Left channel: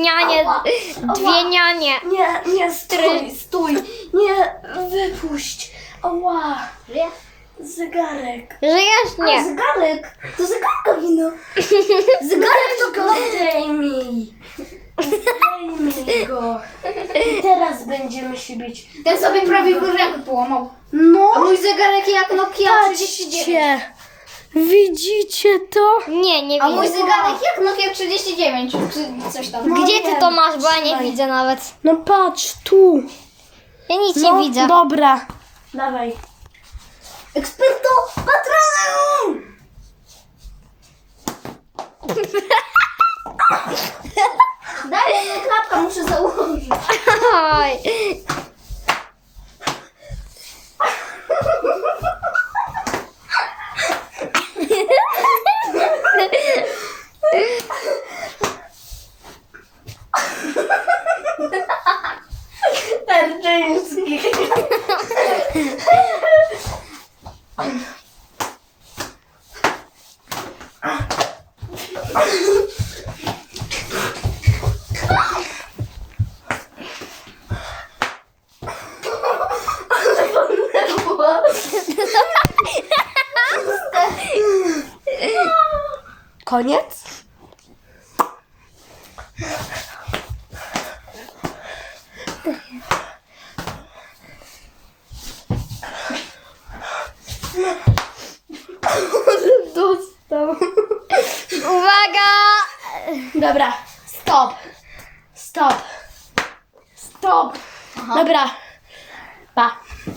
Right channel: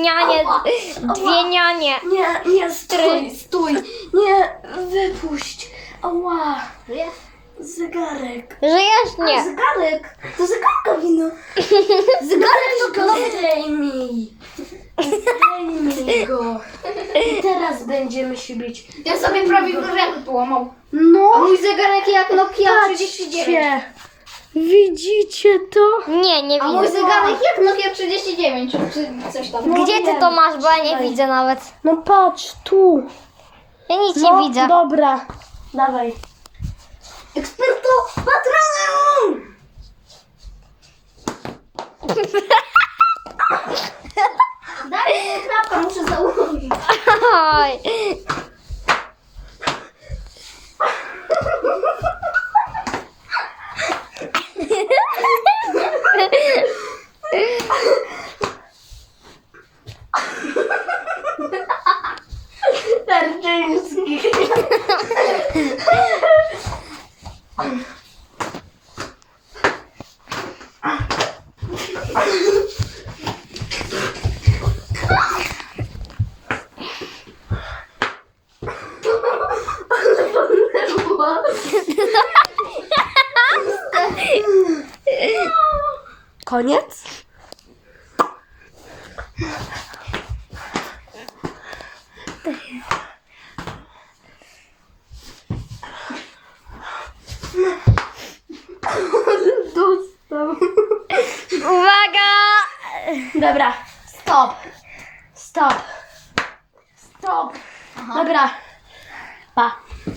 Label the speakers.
Speaker 1: nianie, dwie nianie.
Speaker 2: Nie, nie, stój, stój. Nie, wypuść. Ała, zegarek.
Speaker 1: Żyjesz?
Speaker 2: A,
Speaker 1: Nie.
Speaker 2: zegarek. To zegarka wino. Zegarek to go zdejmij. Zdejmij go. I teraz będziemy się bić.
Speaker 3: Ten sobie prawie rękę połamał.
Speaker 2: No,
Speaker 3: A mój zegarek jak Nokia 39.
Speaker 2: patrzcie. Widzicie to?
Speaker 1: Nie, nie
Speaker 3: A mój
Speaker 1: widzę.
Speaker 3: zegarek jak Nokia 39, czy coś tam.
Speaker 1: Gdzie ty to masz, bo ja nie widzę nawet.
Speaker 2: No patrz, tu.
Speaker 1: Ja nic
Speaker 2: No,
Speaker 1: nie widzę.
Speaker 2: Dobra. Dawaj. Eksperto patronem!
Speaker 3: Daj mi klapka, muszę założyć.
Speaker 1: Oj.
Speaker 2: Koniec? Dobra, stop. Stop. Stop. Dobra. Pa.